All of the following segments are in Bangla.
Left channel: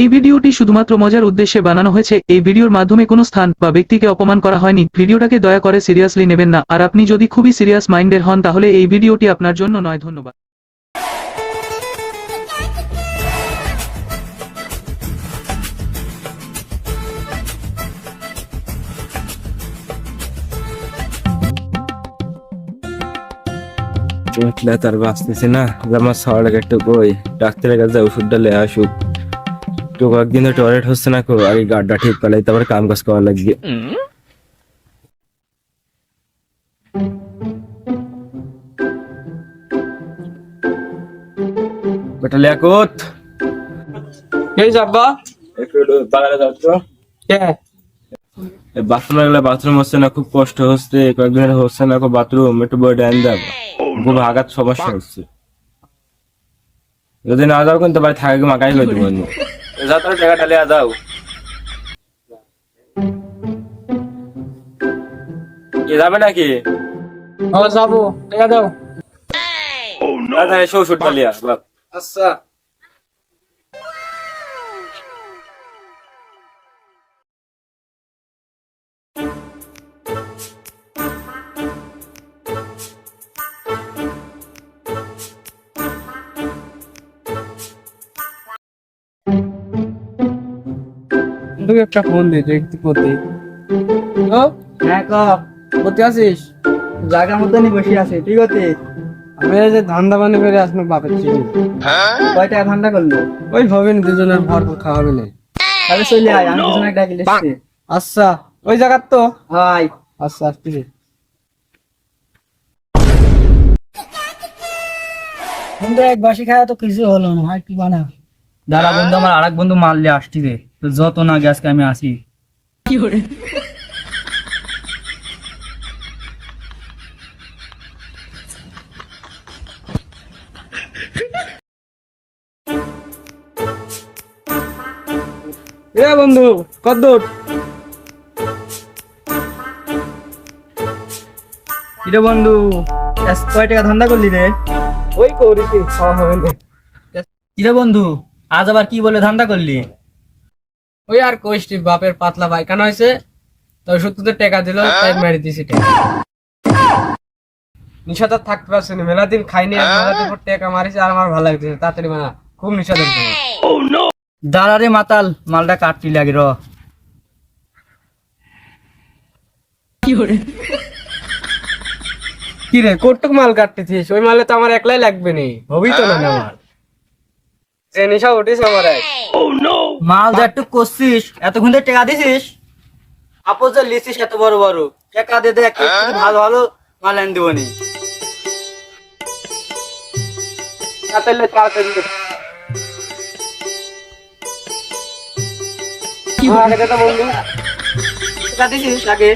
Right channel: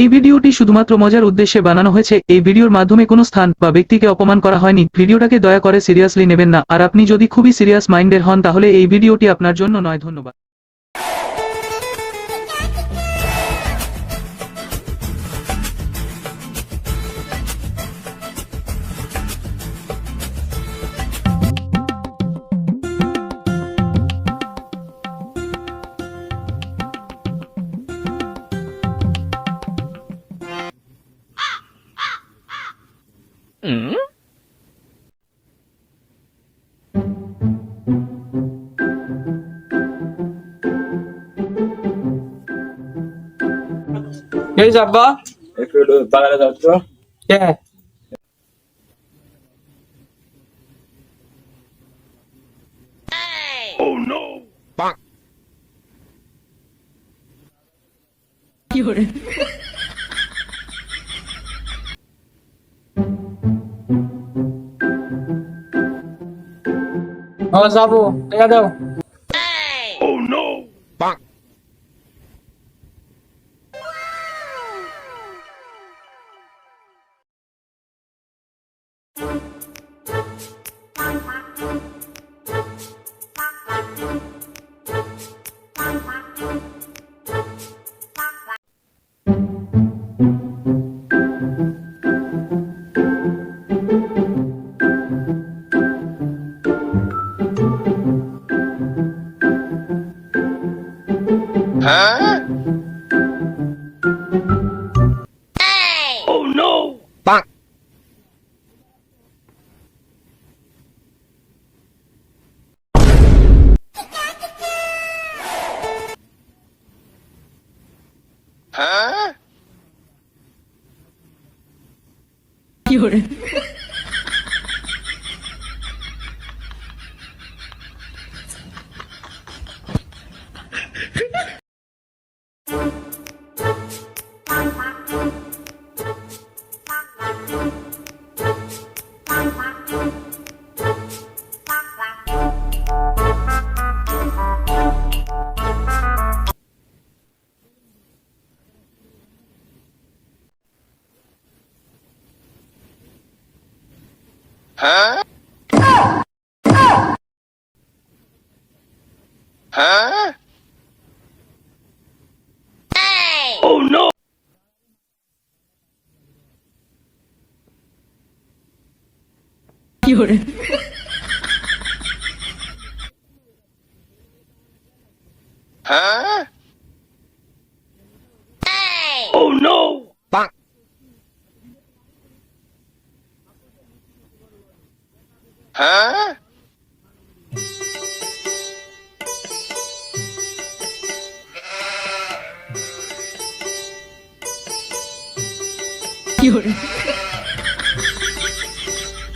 এই ভিডিওটি শুধুমাত্র মজার উদ্দেশ্যে বানানো হয়েছে। এই ভিডিওর মাধ্যমে কোনো স্থান বা ব্যক্তিকে অপমান করা হয়নি। ভিডিওটাকে দয়া করে সিরিয়াসলি নেবেন না। আর আপনি যদি খুবই সিরিয়াস মাইন্ডের হন তাহলে এই ভিডিওটি আপনার জন্য নয়। ধন্যবাদ। উঠলে তার বাঁচতেছে না, আমার শহরে একটু কই ডাক্তারের কাছে ওষুধটা লে আসুক। তো কয়েকদিন টয়লেট হচ্ছে না, আর এই গাড্ডা ঠিক পেলাই তারপর কাম কাজ করা লাগবে। বেটা লিয়াকত, এই যাব্বা একটু বাগানে যাও তো। কে বাথরুমে গেলে বাথরুম হচ্ছে না, খুব কষ্ট হচ্ছে, কয়েকদিন হচ্ছে না বাথরুম, একটু বই ডাইন দাও, খুব আঘাত সমস্যা হচ্ছে। যদি না যাও কিন্তু বাড়ি থাকে মাকাই হয়ে যাবো। যাও তাহলে টাকাটা লিয়া যাও। কি যাবে নাকি? ও যাবো, টাকা দাও। এসো ওষুধটা লিয়া। আচ্ছা তুই একটা ফোন দে দেখতে করতে। ও হ্যাঁ ক করতে আসিস? জায়গার মতনই বসে আছে ঠিক আছে। আমি এই যে ধান্দা বানি করে আসবো বাপের চিনি। কয় টাকা ঠান্ডা করলো? ওই হবে না, দুজনের ভর খাওয়া হবে না। তাহলে চলে আয়, আমি পিছনে ডাকি লিখছি। আচ্ছা ওই জায়গার তো। হাই আচ্ছা আসতেছি। বন্ধু এক বাসি খাওয়া তো কিছু হলো না, আর কি বানা। দাঁড়া বন্ধু, আমার আরেক বন্ধু মাল নিয়ে আসছি রে, তো যত না গ্যাসকে আমি আসি। এ বন্ধু কদ্দুর? কিরে বন্ধু, কয় টাকা ধান্দা করলি রে? ওই করিস খাওয়া হবে না। কিরে বন্ধু, আজ আবার কি বলে ধান্দা করলি? ওই আর কইসটি বাপের পাতলা পায়খানা হয়েছে, তো সত্যি টাকা দিল, তাই মেরে দিছি টাকা। নিশাদার থাকতে পারছে না, মেলা দিন খাইনি, টাকা মারিছে আর আমার ভালো লাগতেছে। তাড়াতাড়ি বানা, খুব নিশাদার। দাঁড়া রে মাতাল, মালটা কাটতি লাগে র। কি রে কটুক মাল কাটতেছিস? ওই মালে তো আমার একলাই লাগবে নি, হবি তো না আমার। যে নিশা উঠিস আমার এক। মাল যা একটু করছিস, এতক্ষণ ধরে টাকা দিছিস, আপস যা লিছিস এত বড় বড় টাকা দিয়ে দে, একটা ভালো ভালো মাল এনে দিবনি। তাড়াতাড়ি তাড়াতাড়ি কি হলো? আগে তো বন্ধু টাকা দিছিস আগে?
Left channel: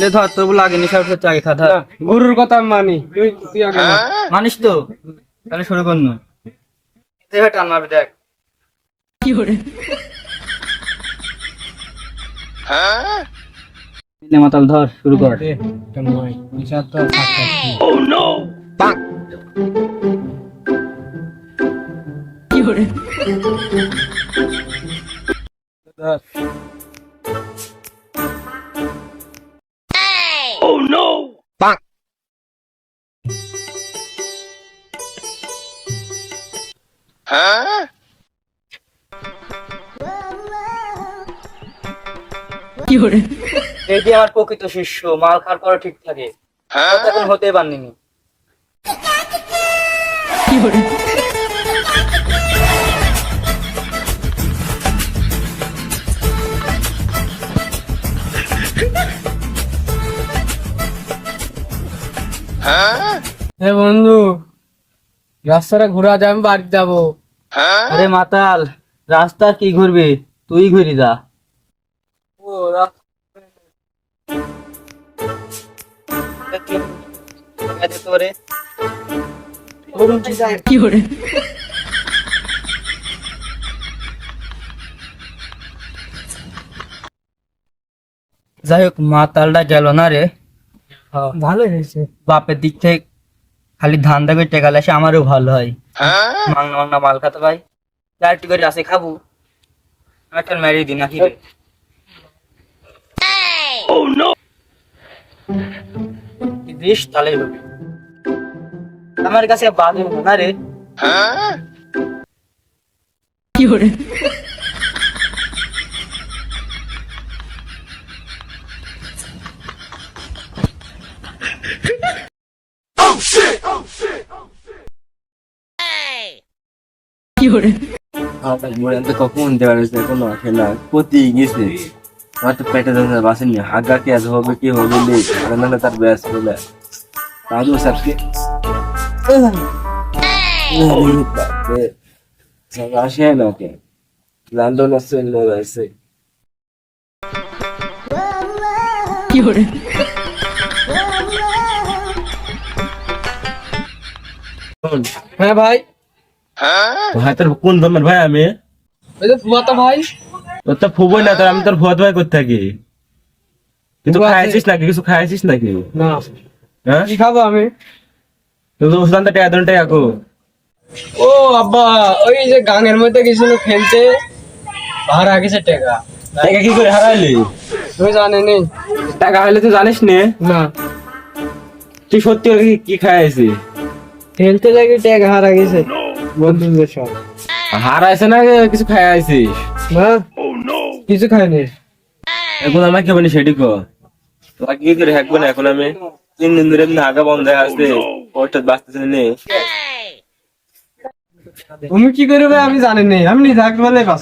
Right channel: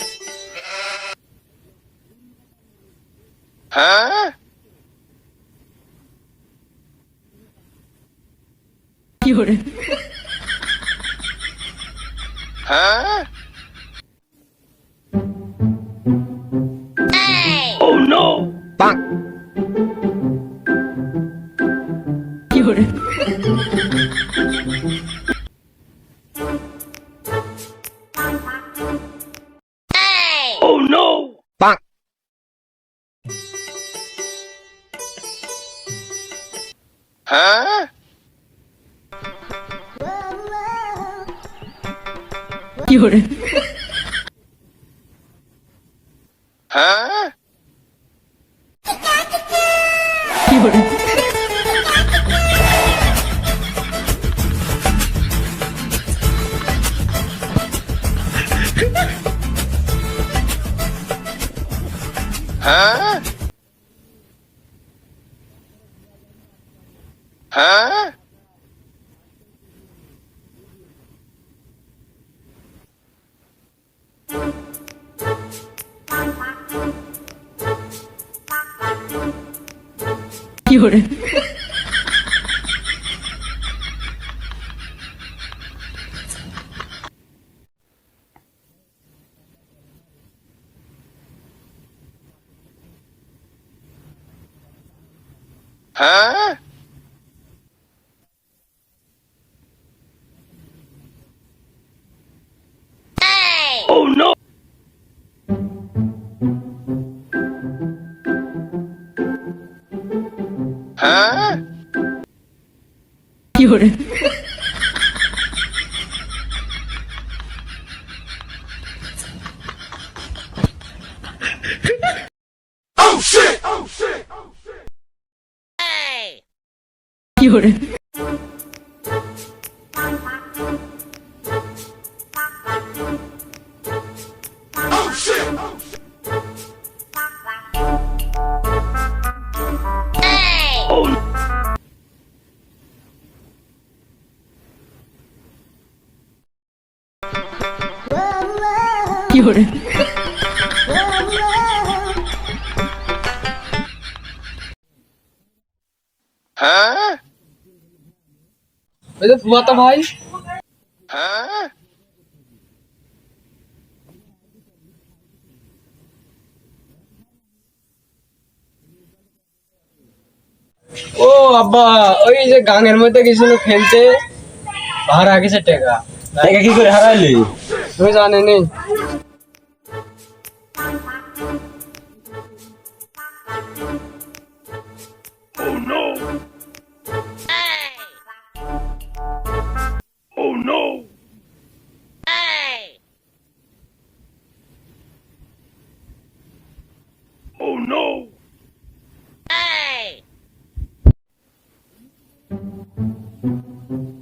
লে ধর, তোর লাগে নিশার ক্ষেত্রে আগে খা ধর। গুরুর কথা আমি মানি, তুই তুই আগে বল। মানিস তো? তাহলে শুরু কর না। দেখে টান মারবি দেখ। লে মাতাল ধর, শুরু কর। এটা নয়, নিশা তো ধর। এই যে আমার প্রকৃত শিষ্য, মাল খাওয়ার পরে ঠিক থাকে, হতে পারিনি। এ বন্ধু, রাস্তাটা ঘোরা যায়, আমি বাড়ি যাবো। আরে মাতাল, রাস্তা কি ঘুরবি, তুই ঘুরি যা। ও রাস্তা যাই হোক, মাতালটা গেল না রে। ভালোই হয়েছে। বাপের দিক থেকে খালি ধান্দা করে টেকা আসে, আমারও ভালো হয়। মাংনা মাংনা মাল খাতে ভাই। চারটি করে আসে খাবো, একটা মেরে দিন নাকি দিস তাহলে হবে। আমার কাছে বাদ না রে। কখন দেওয়া হয়েছে কোনো খেলা প্রতি গেছে আমার তো পেটে ধরে বাসেনি হাগা কে আজ হবে কি হবে না তার ব্যাস বলে দাদু স্যারকে আসে না ওকে লন্ডন আছে লোক আছে হ্যাঁ ভাই, ভাই তোর কোন ধর্মের ভাই আমি ওই যে ফুয়াতো ভাই। তোর তো ফুবই না তোর আমি তোর ভুয়াত ভাই করতে থাকি কিন্তু ফুয়া আছে? খাইছিস নাকি কিছু খাইছিস নাকি না, হ্যাঁ কি খাবো আমি? তুই ওষুধ টাকা দেন টাকা কো ও আব্বা, ওই যে গাঙের মধ্যে গেছিল খেলতে, ভাড়া গেছে টাকা। টাকা কি করে হারাইলি তুমি জানেনি? টাকা হলে তুই জানিস নে না, তুই সত্যি করে কি খাইছিস খেলতে লাগে টাকা হারা গেছে বন্ধুদের সব। হারাইছে না কিছু খাইছিস না, কিছু খাইনি। এখন আমাকে কেমন সেটি কো তোরা কি করে হাঁকবো না এখন আমি 3 দিন ধরে হাগা বন্ধ হয়ে আসছে ওটা বাঁচতেছে নেই তুমি কি করবে আমি জানি না, আমি নিজে বলে বাস।